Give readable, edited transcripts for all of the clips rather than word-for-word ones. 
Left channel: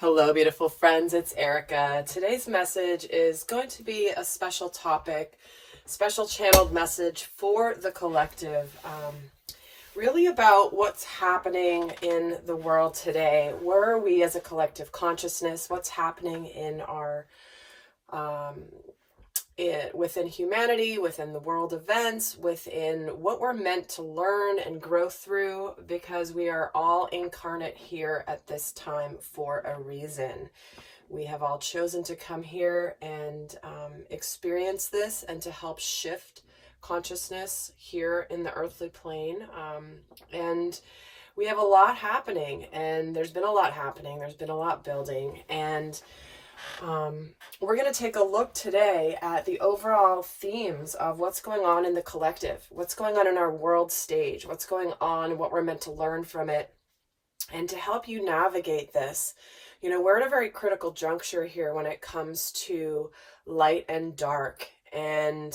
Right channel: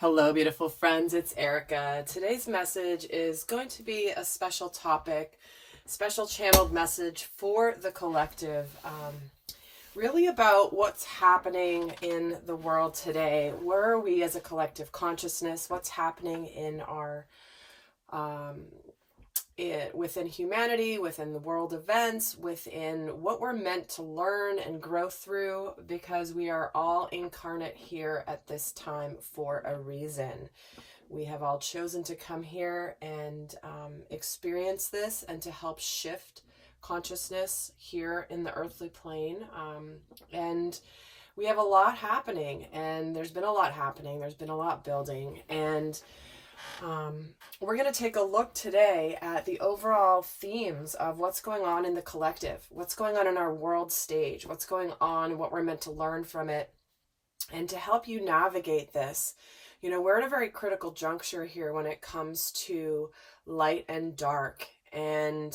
Hello, beautiful friends. It's Erika. Today's message is going to be a special topic, special channeled message for the collective, really about what's happening in the world today. Where are we as a collective consciousness? What's happening in our within humanity, within the world events, within what we're meant to learn and grow through, because we are all incarnate here at this time for a reason. We have all chosen to come here and experience this and to help shift consciousness here in the earthly plane. And we have a lot happening, and there's been a lot happening. There's been a lot building, and we're going to take a look today at the overall themes of what's going on in the collective, what's going on in our world stage, what's going on, what we're meant to learn from it, and to help you navigate this. You know, we're at a very critical juncture here when it comes to light and dark, and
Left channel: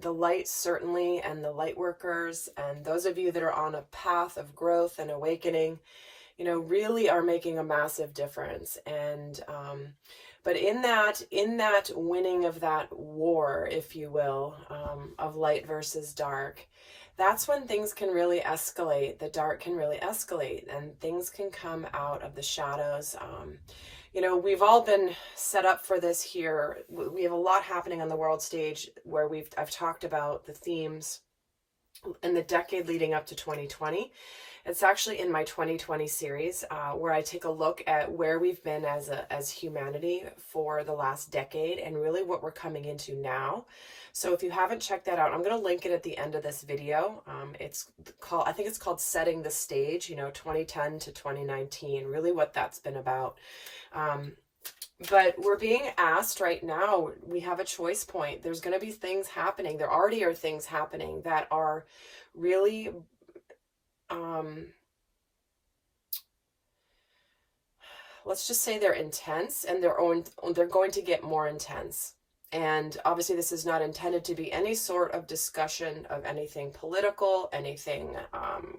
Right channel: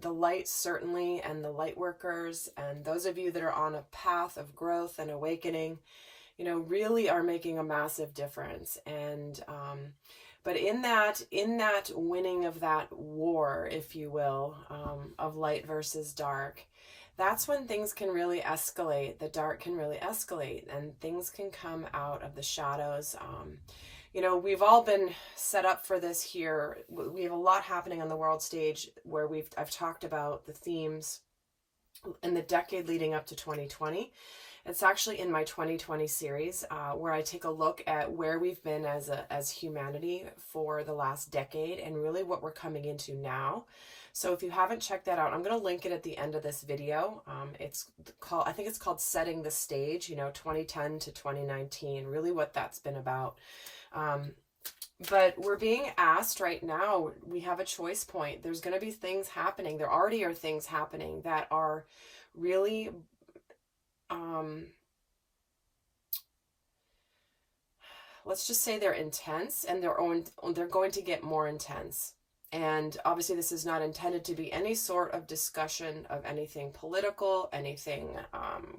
the light certainly, and the light workers, and those of you that are on a path of growth and awakening, you know, really are making a massive difference. And but in that winning of that war, if you will, of light versus dark, that's when things can really escalate. The dark can really escalate, and things can come out of the shadows. You know, we've all been set up for this here. We have a lot happening on the world stage where I've talked about the themes in the decade leading up to 2020. It's actually in my 2020 series where I take a look at where we've been as humanity for the last decade and really what we're coming into now. So if you haven't checked that out, I'm going to link it at the end of this video. I think it's called Setting the Stage, you know, 2010 to 2019, really what that's been about. But we're being asked right now, we have a choice point. There's going to be things happening. There already are things happening that are really let's just say they're intense, and they're going to get more intense. And obviously this is not intended to be any sort of discussion of anything political, anything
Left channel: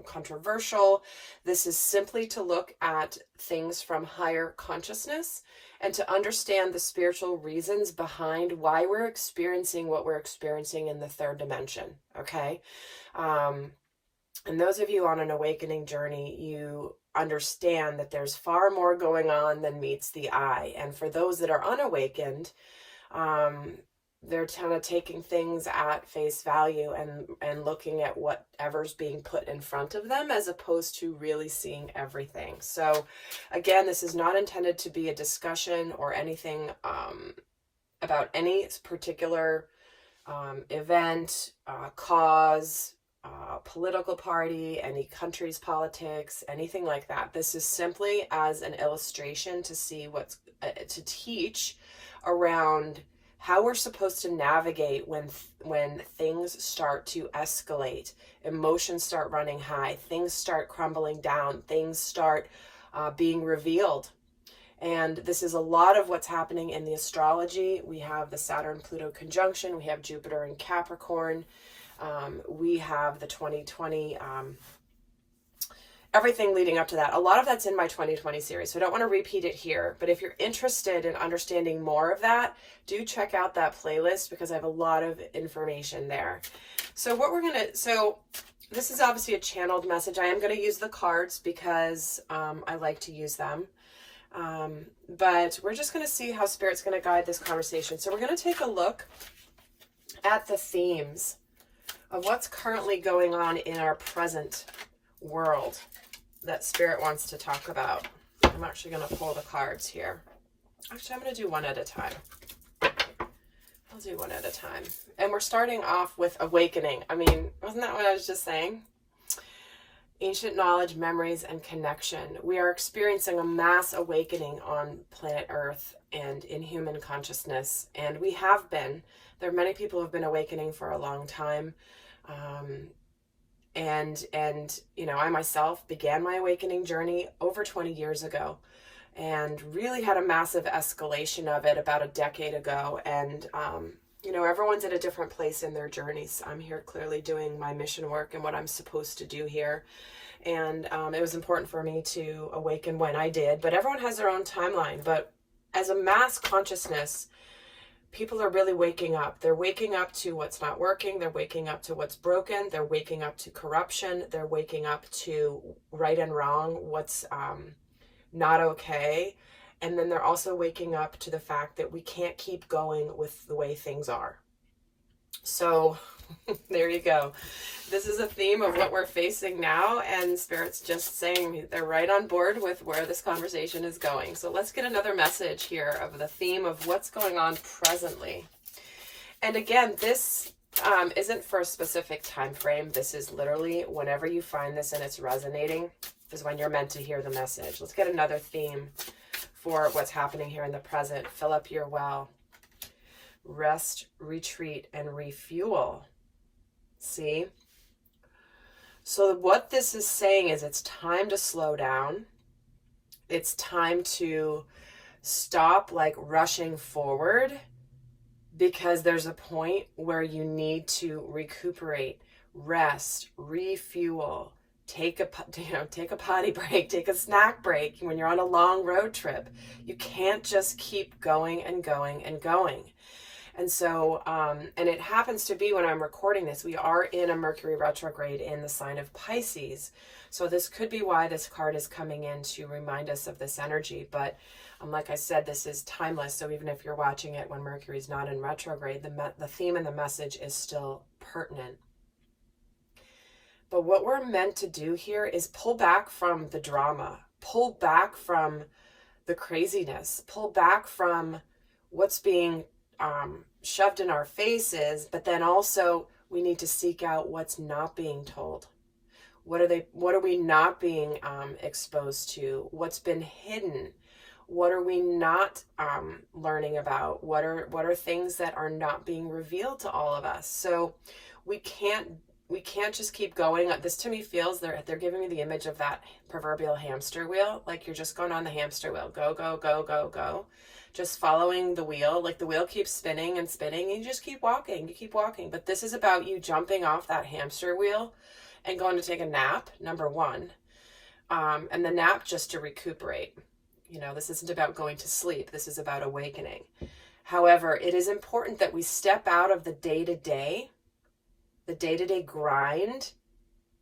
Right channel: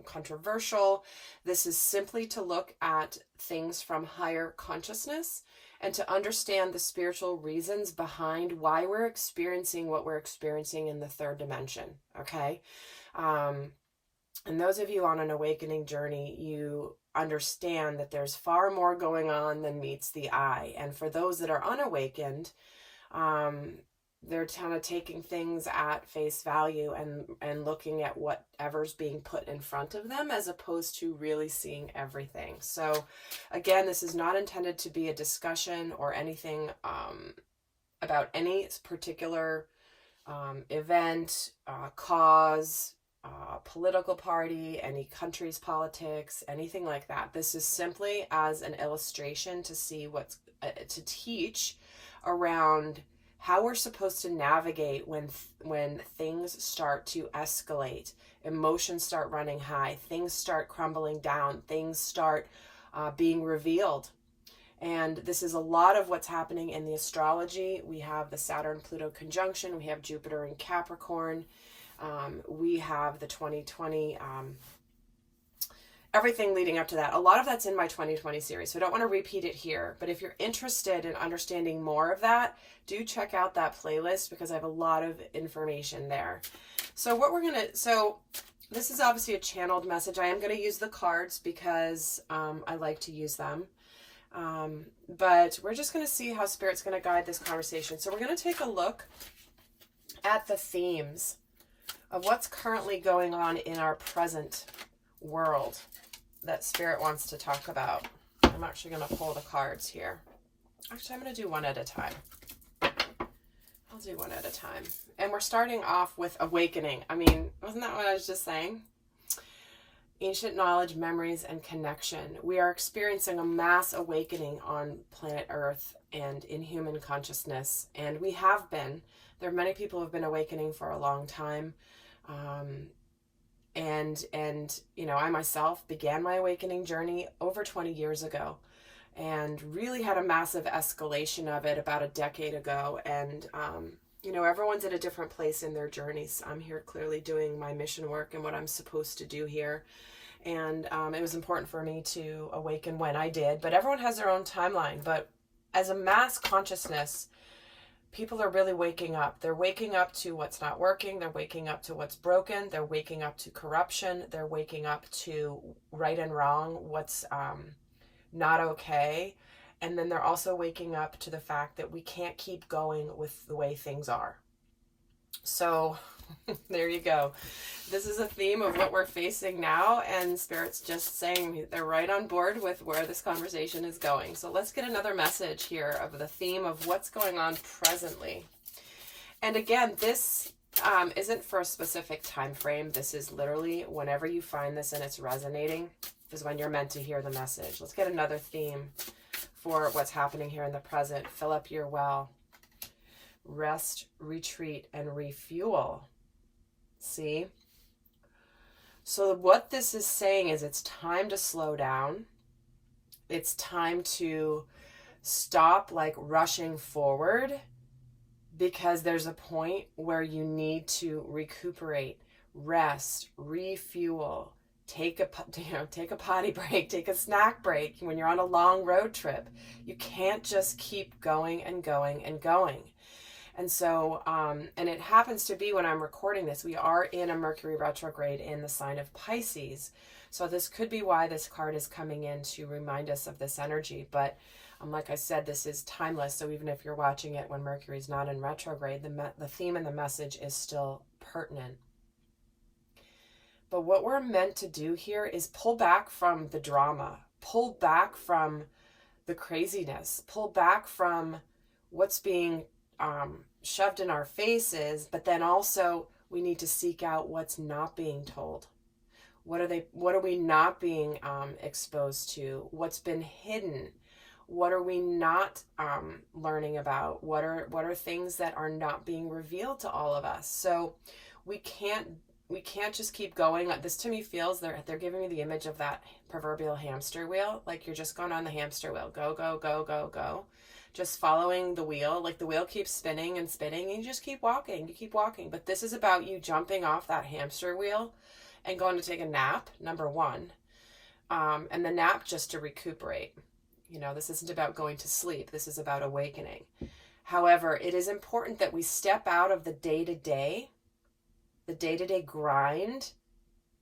controversial. This is simply to look at things from higher consciousness and to understand the spiritual reasons behind why we're experiencing what we're experiencing in the third dimension, okay? And those of you on an awakening journey, you understand that there's far more going on than meets the eye. And for those that are unawakened, they're kind of taking things at face value and looking at whatever's being put in front of them as opposed to really seeing everything. So again, this is not intended to be a discussion or anything about any particular event, cause, political party, any country's politics, anything like that. This is simply as an illustration to see to teach around how we're supposed to navigate when things start to escalate, emotions start running high, things start crumbling down, things start being revealed. And this is a lot of what's happening in the astrology. We have the Saturn-Pluto conjunction, we have Jupiter in Capricorn, we have the 2020, everything leading up to that. A lot of that's in my 2020 series, so I don't want to repeat it here. But if you're interested in understanding more of that, do check out that playlist because I have a lot of information there. So this is obviously a channeled message. I am going to use the cards because I like to use them. But we're just going to see how Spirit's going to guide this conversation. So we're going to take a look at the themes of what's currently going on in our present world that Spirit wants to talk about. I'm actually going to pull the cards here. Actually, I'm going to do one at a time. I'll do one at a time. And we're starting off with awakening. I mean, wasn't that what I was just saying? Ancient knowledge, memories, and connection. We are experiencing a mass awakening on planet Earth and in human consciousness. And we have been. There are many people who have been awakening for a long time. And you know, I myself began my awakening journey over 20 years ago and really had a massive escalation of it about a decade ago. And you know, everyone's at a different place in their journeys. I'm here clearly doing my mission work and what I'm supposed to do here. And it was important for me to awaken when I did. But everyone has their own timeline. But as a mass consciousness, people are really waking up. They're waking up to what's not working. They're waking up to what's broken. They're waking up to corruption. They're waking up to right and wrong, what's not okay. And then they're also waking up to the fact that we can't keep going with the way things are. So there you go. This is a theme of what we're facing now, and Spirit's just saying they're right on board with where this conversation is going. So let's get another message here of the theme of what's going on presently. And again, this isn't for a specific time frame. This is literally whenever you find this and it's resonating is when you're meant to hear the message. Let's get another theme for what's happening here in the present. Fill up your well. Rest, retreat, and refuel. See? So what this is saying is it's time to slow down. It's time to stop like rushing forward, because there's a point where you need to recuperate, rest, refuel, take a potty break, take a snack break when you're on a long road trip. You can't just keep going and going and going. And so, and it happens to be when I'm recording this, we are in a Mercury retrograde in the sign of Pisces. So this could be why this card is coming in to remind us of this energy. But like I said, this is timeless. So even if you're watching it when Mercury's not in retrograde, the theme and the message is still pertinent. But what we're meant to do here is pull back from the drama, pull back from the craziness, pull back from what's being shoved in our faces, but then also we need to seek out what's not being told. What are we not being exposed to? What's been hidden? What are we not learning about? What are things that are not being revealed to all of us? So we can't just keep going. This to me feels they're giving me the image of that proverbial hamster wheel. Like you're just going on the hamster wheel. Go, go, go, go, go. Just following the wheel. Like the wheel keeps spinning and spinning, and you just keep walking. You keep walking. But this is about you jumping off that hamster wheel and going to take a nap, number one. And the nap just to recuperate. This isn't about going to sleep. This is about awakening. However, it is important that we step out of the day-to-day grind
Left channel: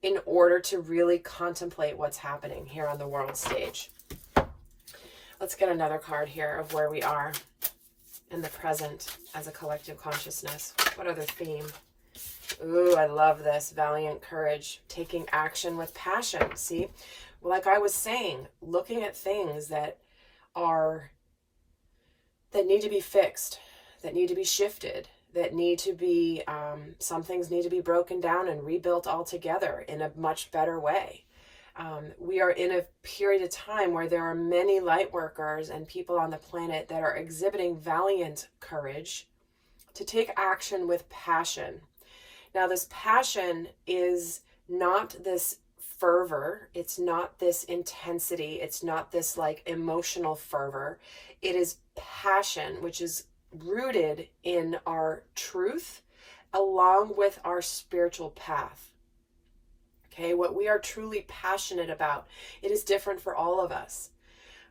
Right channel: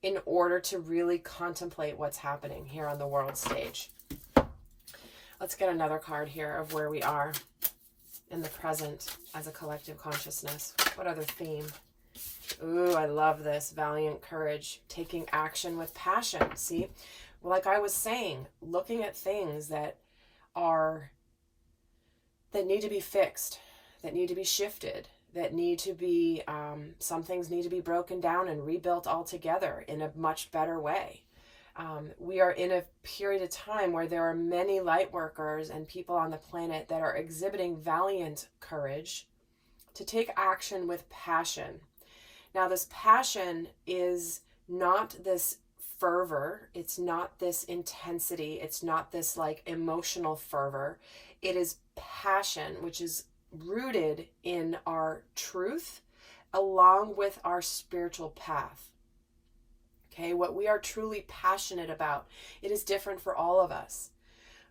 in order to really contemplate what's happening here on the world stage. Let's get another card here of where we are in the present as a collective consciousness. What other theme? Ooh, I love this. Valiant courage. Taking action with passion. See? Well, like I was saying, looking at things that need to be fixed, that need to be shifted, that need to be, some things need to be broken down and rebuilt altogether in a much better way. We are in a period of time where there are many light workers and people on the planet that are exhibiting valiant courage to take action with passion. Now, this passion is not this fervor. It's not this intensity. It's not this like emotional fervor. It is passion, which is rooted in our truth along with our spiritual path. Okay, what we are truly passionate about, it is different for all of us.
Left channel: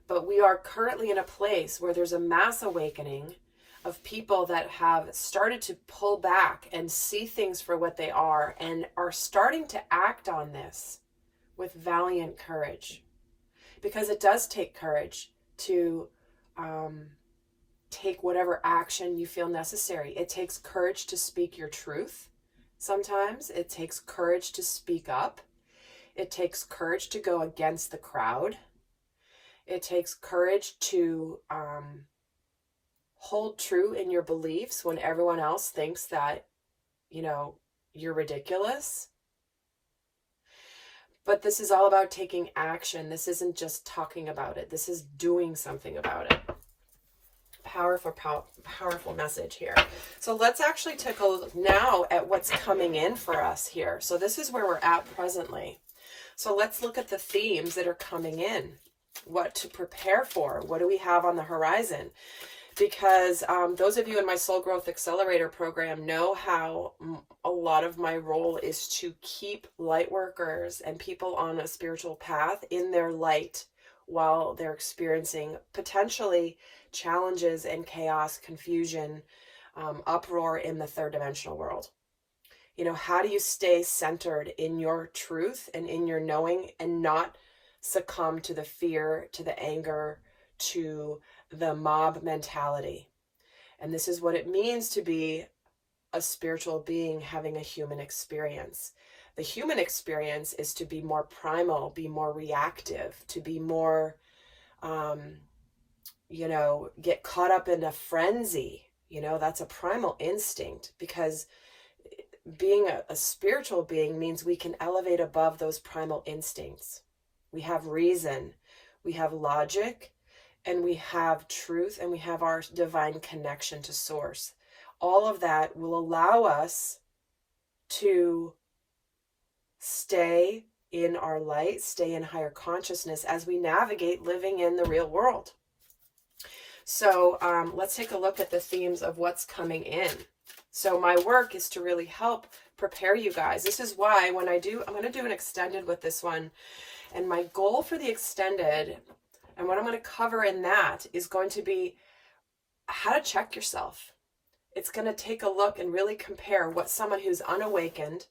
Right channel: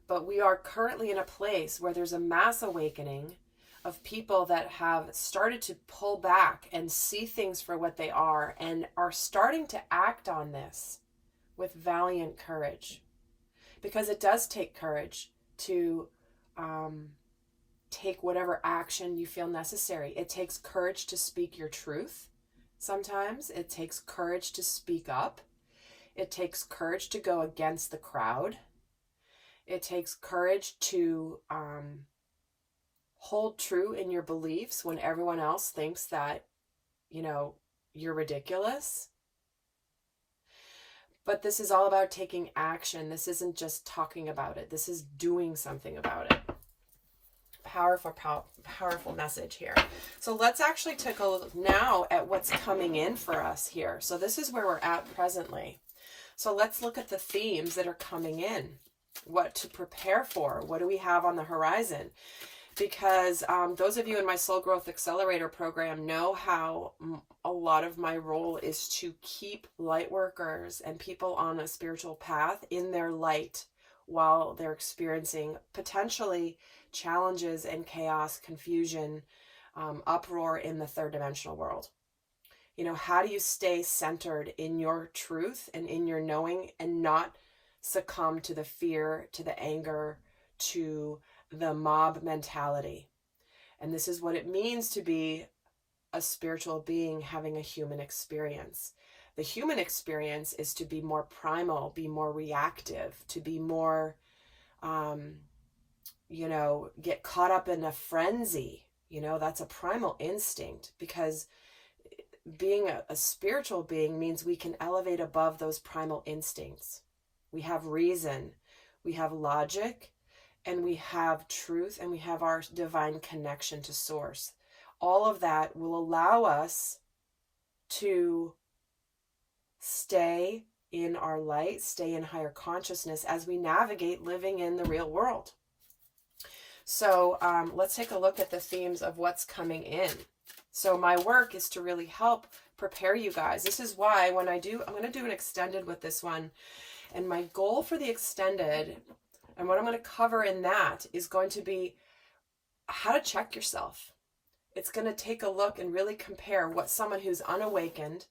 But we are currently in a place where there's a mass awakening of people that have started to pull back and see things for what they are and are starting to act on this with valiant courage. Because it does take courage to take whatever action you feel necessary. It takes courage to speak your truth. Sometimes it takes courage to speak up. It takes courage to go against the crowd. It takes courage to hold true in your beliefs when everyone else thinks that, you're ridiculous. But this is all about taking action. This isn't just talking about it. This is doing something about it. Powerful message here. So let's actually take a look now at what's coming in for us here. So this is where we're at presently. So let's look at the themes that are coming in. What to prepare for. What do we have on the horizon? because those of you in my Soul Growth Accelerator program know how a lot of my role is to keep light workers and people on a spiritual path in their light while they're experiencing potentially challenges and chaos, confusion, uproar in the third dimensional world. You know, how do you stay centered in your truth and in your knowing and not succumb to the fear, to the anger, to the mob mentality? And this is what it means to be a spiritual being having a human experience. The human experience is to be more primal, be more reactive, to be more, you know, get caught up in a frenzy. You know, that's a primal instinct, because being a spiritual being means we can elevate above those primal instincts. We have reason, we have logic, and we have truth, and we have our divine connection to source. All of that will allow us to stay in our light, stay in higher consciousness as we navigate living in the real world. So let's take a look at the themes of what's coming in. So my work is to really help prepare you guys. This is why when I'm going to do an extended with this one. And my goal for the extended, and what I'm going to cover in that, is going to be how to check yourself. It's going to take a look and really compare what someone who's unawakened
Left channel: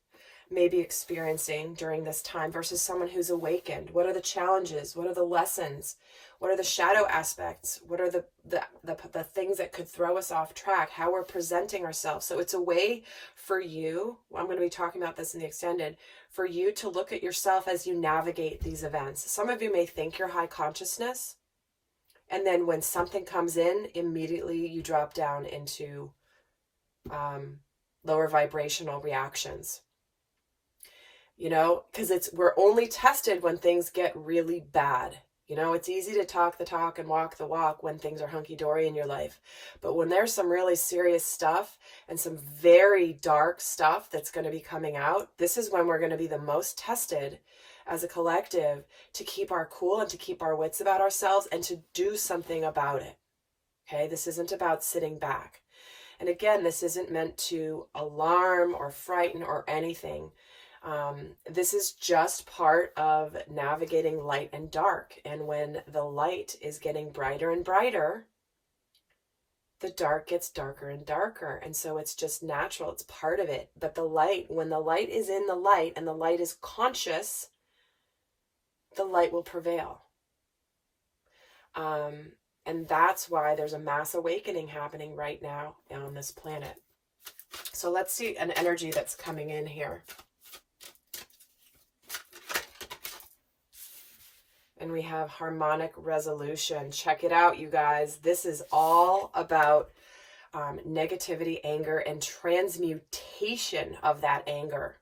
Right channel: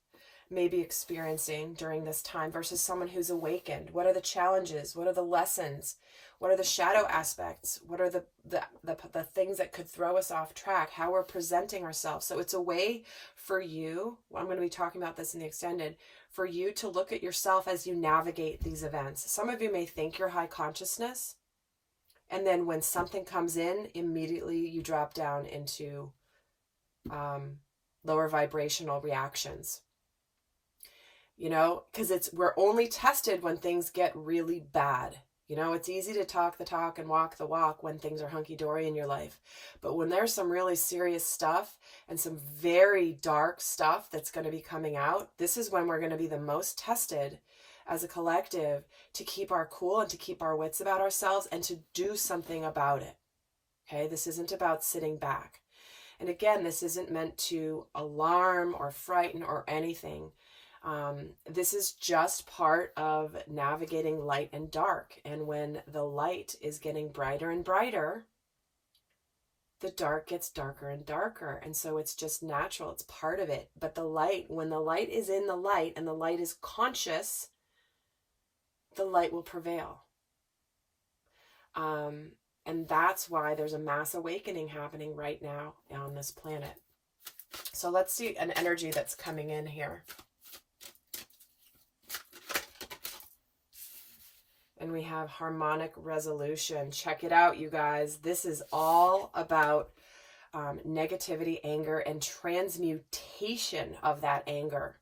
may be experiencing during this time versus someone who's awakened. What are the challenges? What are the lessons? What are the shadow aspects? What are the things that could throw us off track? How we're presenting ourselves. So it's a way for you, I'm going to be talking about this in the extended, for you to look at yourself as you navigate these events. Some of you may think you're high consciousness, and then when something comes in, immediately you drop down into lower vibrational reactions. You know, because we're only tested when things get really bad. You know, it's easy to talk the talk and walk the walk when things are hunky-dory in your life. But when there's some really serious stuff and some very dark stuff that's going to be coming out, this is when we're going to be the most tested as a collective to keep our cool and to keep our wits about ourselves and to do something about it. Okay, this isn't about sitting back. And again, this isn't meant to alarm or frighten or anything. This is just part of navigating light and dark. And when the light is getting brighter and brighter, the dark gets darker and darker. And so it's just natural. It's part of it. But the light, when the light is in the light and the light is conscious, the light will prevail. And that's why there's a mass awakening happening right now on this planet. So let's see an energy that's coming in here. And we have harmonic resolution. Check it out, you guys. This is all about negativity, anger, and transmutation of that anger.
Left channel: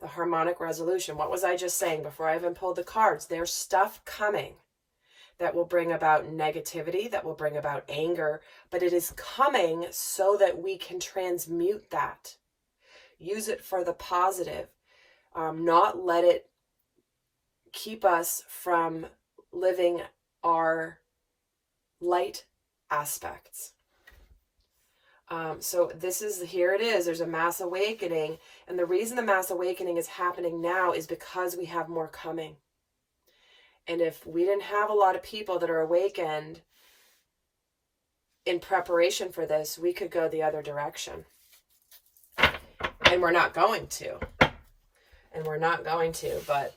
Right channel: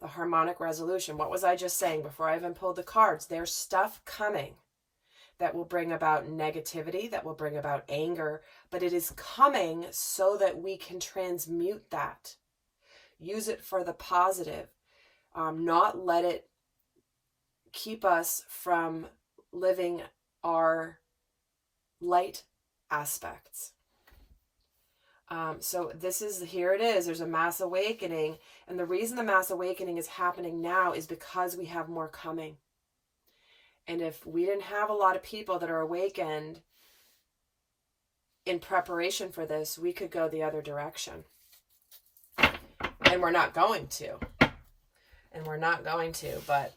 The harmonic resolution. What was I just saying before I even pulled the cards? There's stuff coming that will bring about negativity, that will bring about anger, but it is coming so that we can transmute that. Use it for the positive. Not let it keep us from living our light aspects. So here it is. There's a mass awakening. And the reason the mass awakening is happening now is because we have more coming. And if we didn't have a lot of people that are awakened in preparation for this, we could go the other direction. And we're not going to. But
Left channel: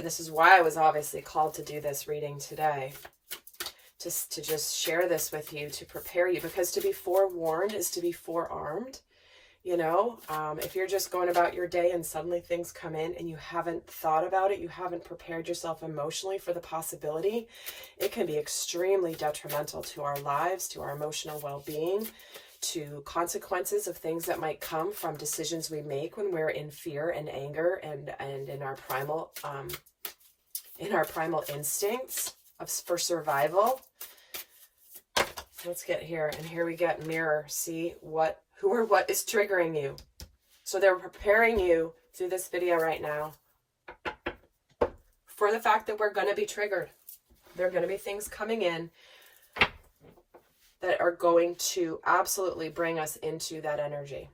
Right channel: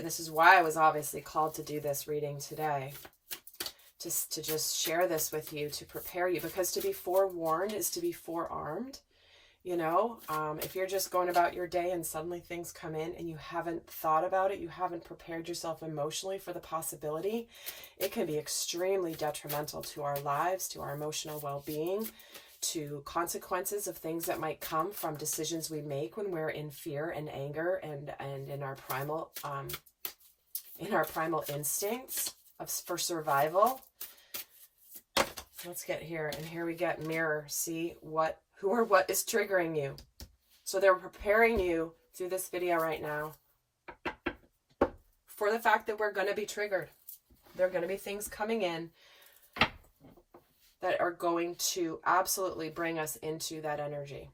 this is why I was obviously called to do this reading today, to just share this with you, to prepare you, because to be forewarned is to be forearmed. You know, if you're just going about your day and suddenly things come in and you haven't thought about it, you haven't prepared yourself emotionally for the possibility, it can be extremely detrimental to our lives, to our emotional well-being, to consequences of things that might come from decisions we make when we're in fear and anger and in our primal instincts for survival. Let's get here, and here we get mirror. See who or what is triggering you. So they're preparing you through this video right now for the fact that we're going to be triggered. There are going to be things coming in that are going to absolutely bring us into that energy.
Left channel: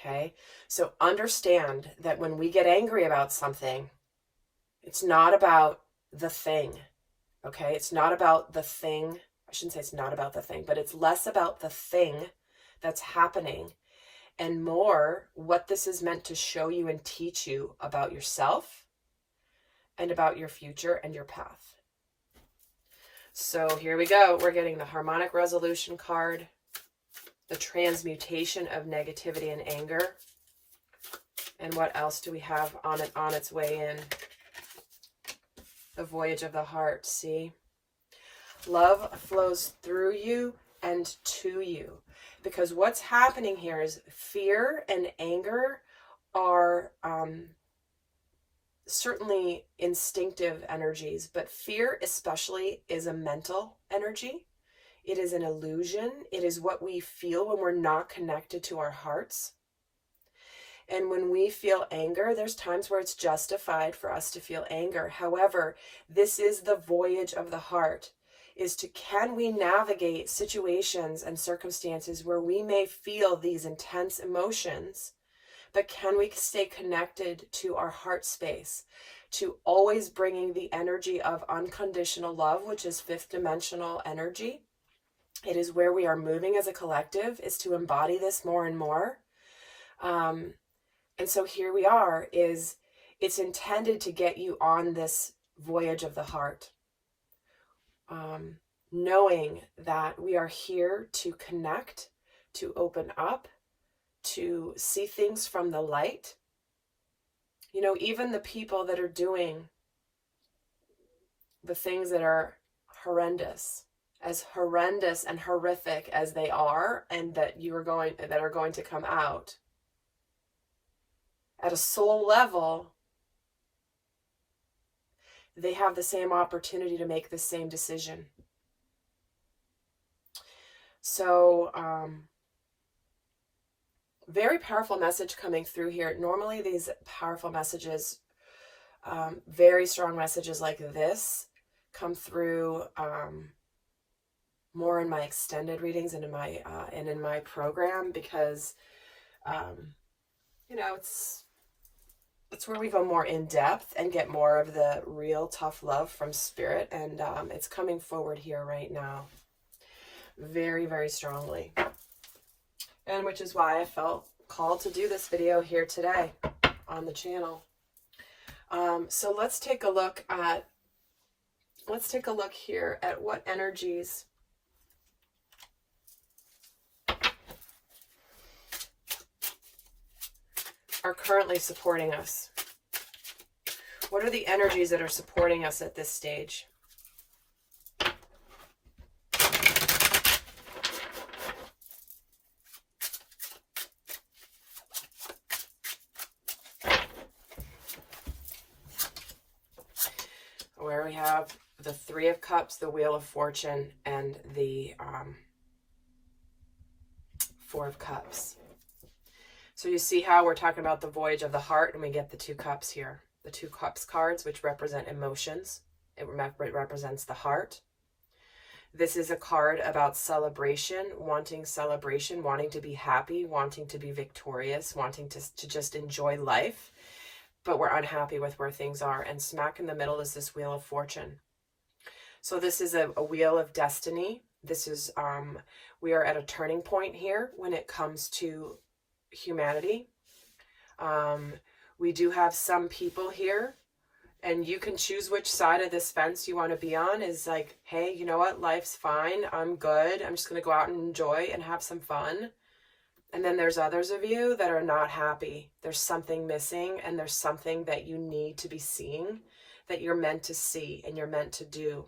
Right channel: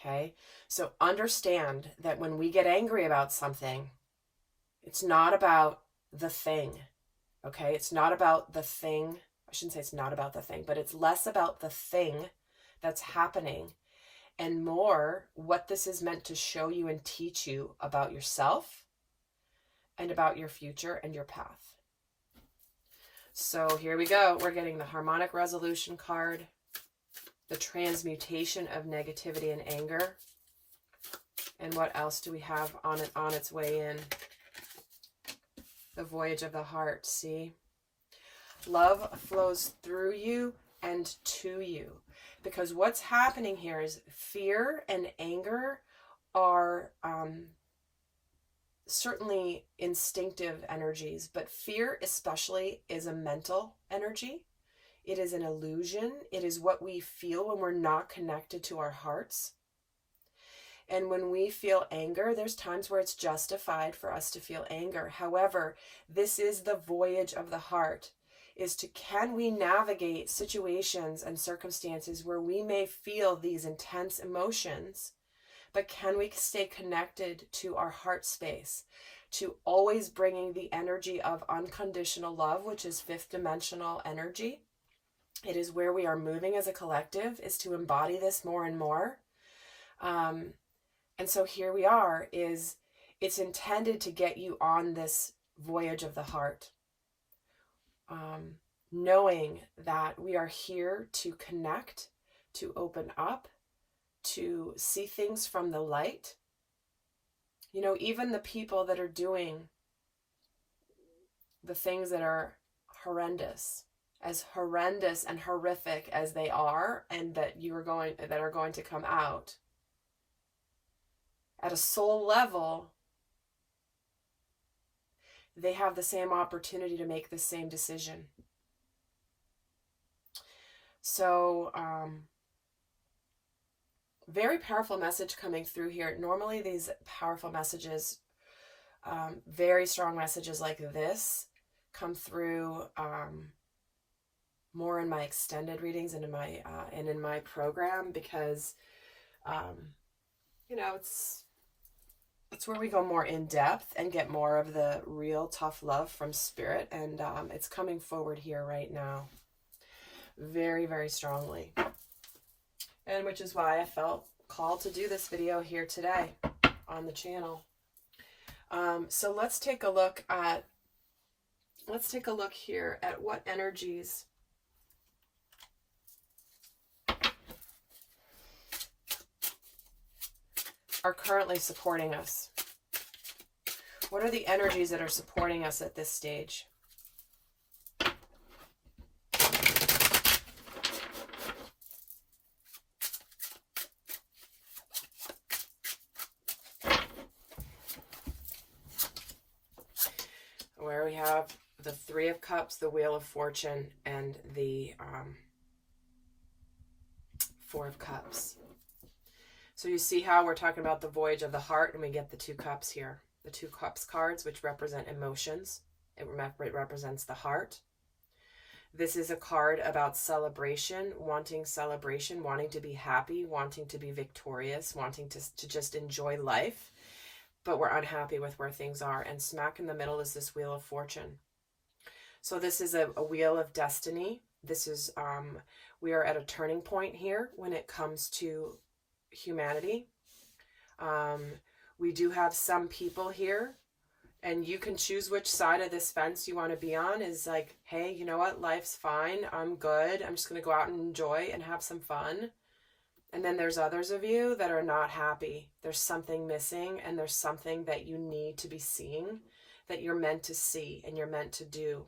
Okay, so understand that when we get angry about something, it's not about the thing. Okay, it's not about the thing. I shouldn't say it's not about the thing, but it's less about the thing that's happening and more what this is meant to show you and teach you about yourself and about your future and your path. So here we go. We're getting the harmonic resolution card, the transmutation of negativity and anger. And what else do we have on its way in? The voyage of the heart. See? Love flows through you and to you. Because what's happening here is fear and anger are certainly instinctive energies, but fear especially is a mental energy. It is an illusion. It is what we feel when we're not connected to our hearts. And when we feel anger, there's times where it's justified for us to feel anger. However, this is the voyage of the heart, is to can we navigate situations and circumstances where we may feel these intense emotions, but can we stay connected to our heart space, to always bringing the energy of unconditional love, which is fifth dimensional energy. It is where we are moving as a collective, is to embody this more and more. And so here we are, it's intended to get you on this voyage of the heart. Knowing that we are here to connect, to open up, to see things from the light. You know, even the people that are doing the things that are horrendous and horrific as they are, and that are going to come out, at a soul level, they have the same opportunity to make the same decision. So, very powerful message coming through here. Normally these powerful messages, very strong messages like this, come through more in my extended readings and in my program, because you know, it's where we go more in depth and get more of the real tough love from spirit, and it's coming forward here right now very, very strongly, and which is why I felt called to do this video here today on the channel. So let's take a look here at what energies are currently supporting us. What are the energies that are supporting us at this stage? Where we have the Three of Cups, the Wheel of Fortune, and the Four of Cups. So you see how we're talking about the voyage of the heart, and we get the Two Cups here. The Two Cups cards, which represent emotions. It represents the heart. This is a card about celebration, wanting to be happy, wanting to be victorious, wanting to just enjoy life, but we're unhappy with where things are. And smack in the middle is this Wheel of Fortune. So this is a wheel of destiny. This is, we are at a turning point here when it comes to humanity. We do have some people here, and you can choose which side of this fence you want to be on. Is like, hey, you know what, life's fine, I'm good, I'm just going to go out and enjoy and have some fun. And then there's others of you that are not happy. There's something missing, and there's something that you need to be seeing, that you're meant to see and you're meant to do.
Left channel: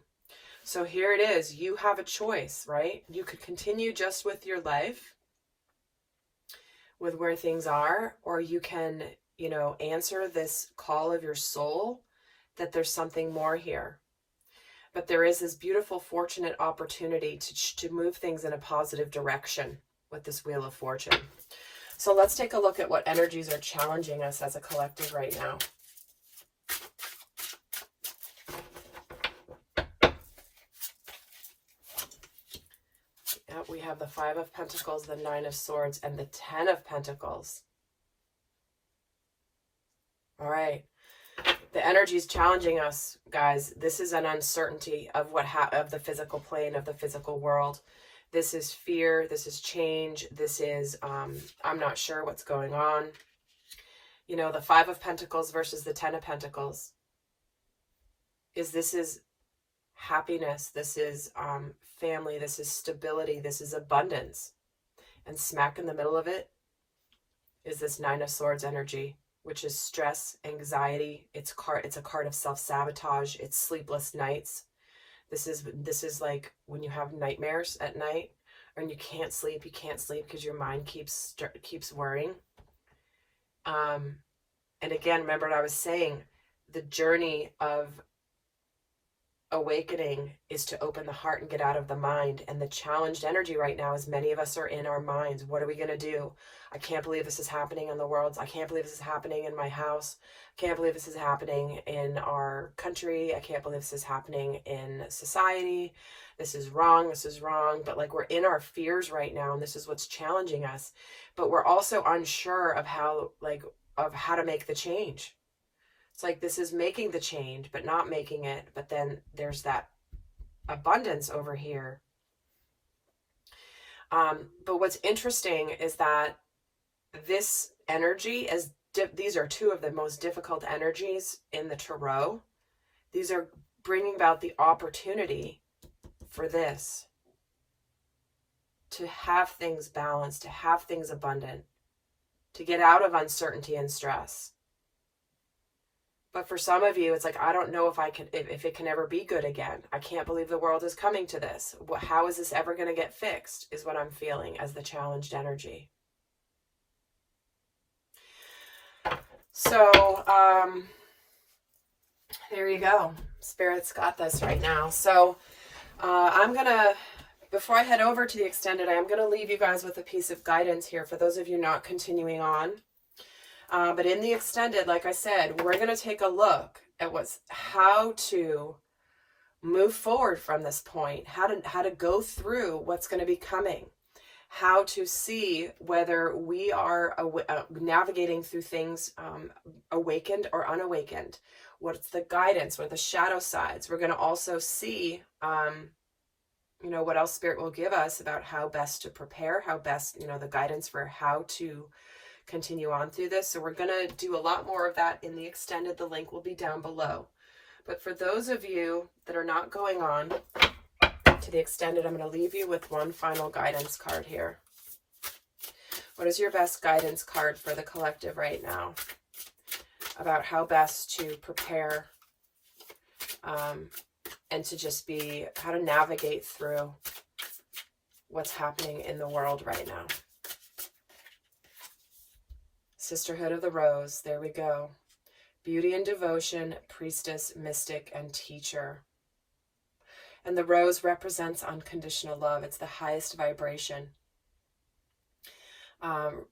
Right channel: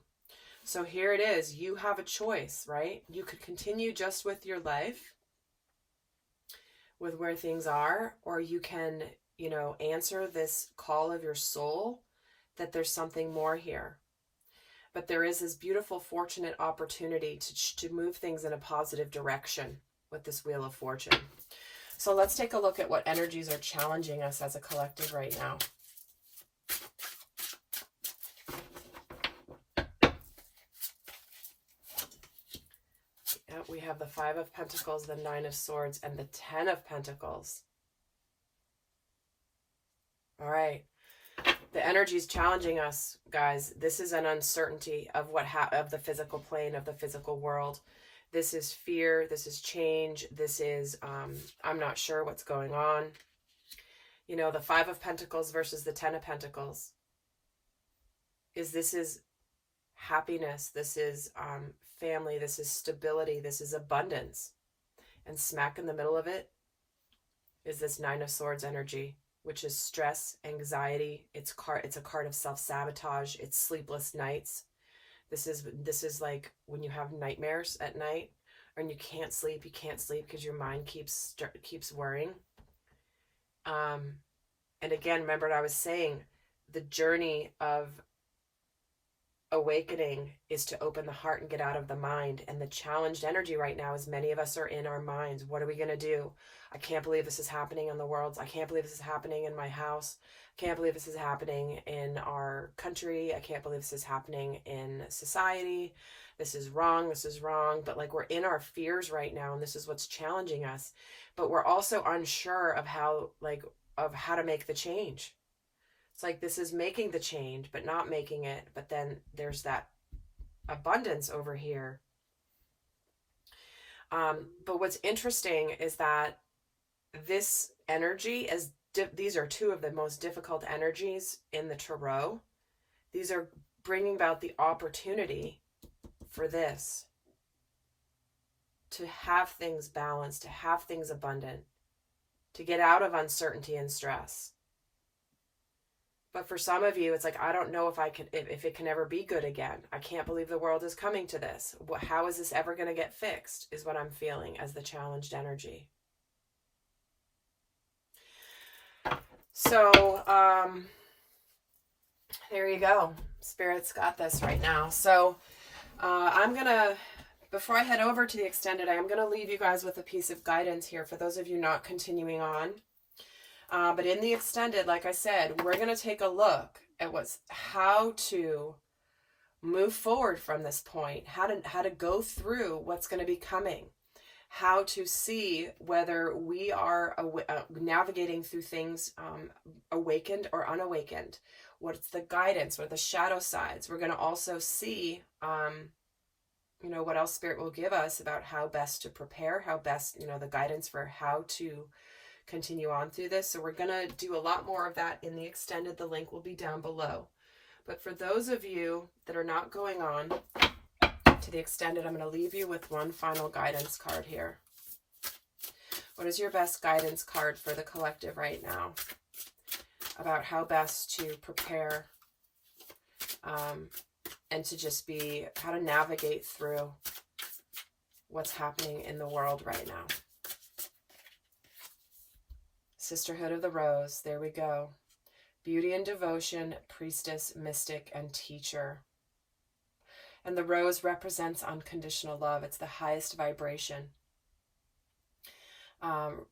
So here it is. You have a choice, right? You could continue just with your life, with where things are, or you can, you know, answer this call of your soul that there's something more here. But there is this beautiful, fortunate opportunity to move things in a positive direction with this Wheel of Fortune. So let's take a look at what energies are challenging us as a collective right now. We have the Five of Pentacles, the Nine of Swords, and the Ten of Pentacles. All right. The energy is challenging us, guys. This is an uncertainty of of the physical plane, of the physical world. This is fear. This is change. This is, I'm not sure what's going on. You know, the Five of Pentacles versus the Ten of Pentacles. This is happiness. This is family. This is stability. This is abundance. And smack in the middle of it is this Nine of Swords energy, which is stress, anxiety. It's a card of self-sabotage. It's sleepless nights. This is like when you have nightmares at night, and you can't sleep because your mind keeps worrying. And again, remember what I was saying, the journey of awakening is to open the heart and get out of the mind. And the challenged energy right now is many of us are in our minds. What are we going to do? I can't believe this is happening in the world. I can't believe this is happening in my house. I can't believe this is happening in our country. I can't believe this is happening in society. This is wrong. This is wrong. But like, we're in our fears right now, and this is what's challenging us. But we're also unsure of how to make the change. It's like, this is making the change, but not making it. But then there's that abundance over here. But what's interesting is that this energy, these are two of the most difficult energies in the tarot. These are bringing about the opportunity for this, to have things balanced, to have things abundant, to get out of uncertainty and stress. But for some of you, it's like, I don't know if it can ever be good again. I can't believe the world is coming to this. How is this ever going to get fixed, is what I'm feeling as the challenged energy. So, there you go. Spirit's got this right now. So, before I head over to the extended, I'm going to leave you guys with a piece of guidance here for those of you not continuing on. But in the extended, like I said, we're going to take a look at how to move forward from this point, how to go through what's going to be coming, how to see whether we are navigating through things awakened or unawakened. What's the guidance? What are the shadow sides? We're going to also see, what else Spirit will give us about how best to prepare, how best, the guidance for how to continue on through this. So we're going to do a lot more of that in the extended. The link will be down below. But for those of you that are not going on to the extended, I'm going to leave you with one final guidance card here. What is your best guidance card for the collective right now about how best to prepare and to just how to navigate through what's happening in the world right now? Sisterhood of the Rose, there we go. Beauty and devotion, priestess, mystic, and teacher. And the rose represents unconditional love. It's the highest vibration. And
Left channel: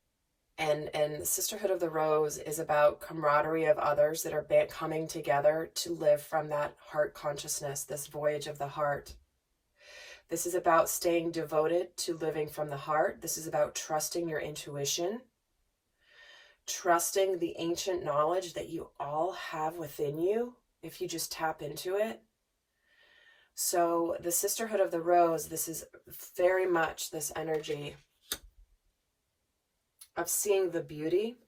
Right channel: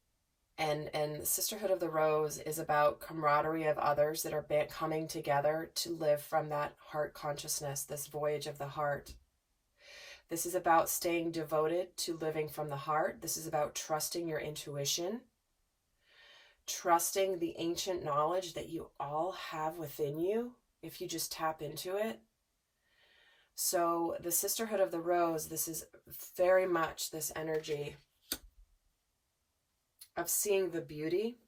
the Sisterhood of the Rose is about camaraderie of others that are coming together to live from that heart consciousness, this voyage of the heart. This is about staying devoted to living from the heart. This is about trusting your intuition, trusting the ancient knowledge that you all have within you if you just tap into it. So the Sisterhood of the Rose, this is very much this energy of seeing the beauty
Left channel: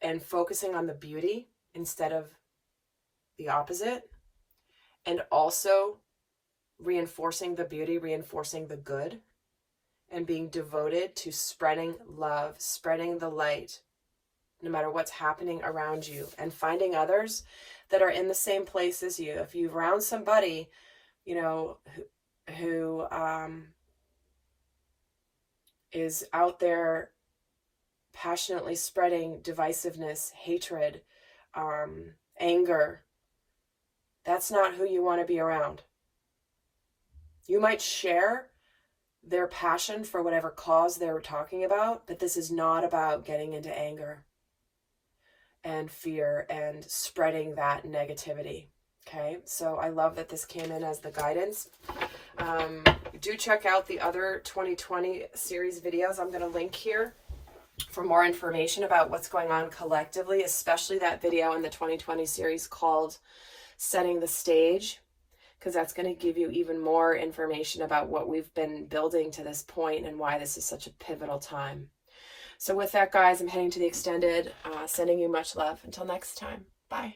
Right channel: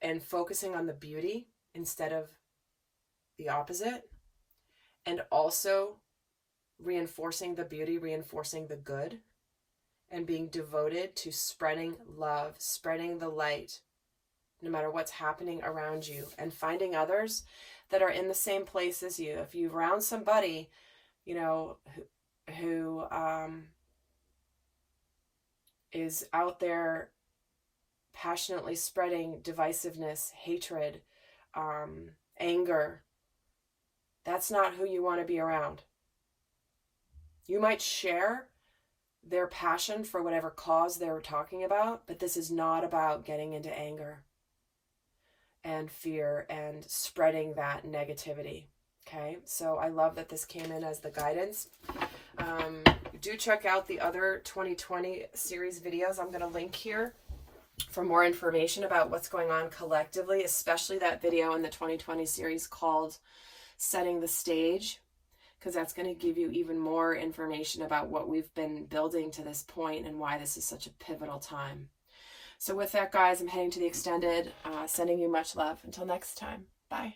and focusing on the beauty instead of the opposite, and also reinforcing the beauty, reinforcing the good, and being devoted to spreading love, spreading the light, no matter what's happening around you, and finding others that are in the same place as you. If you're around somebody, who is out there passionately spreading divisiveness, hatred, anger, that's not who you want to be around. You might share their passion for whatever cause they were talking about, but this is not about getting into anger and fear and spreading that negativity, Okay, so I love that this came in as the guidance. Do check out the other 2020 series videos I'm going to link here for more information about what's going on collectively, especially that video in the 2020 series called Setting the Stage, because that's going to give you even more information about what we've been building to this point and why this is such a pivotal time. So with that, guys, I'm heading to the extended, sending you much love. Until next time, bye.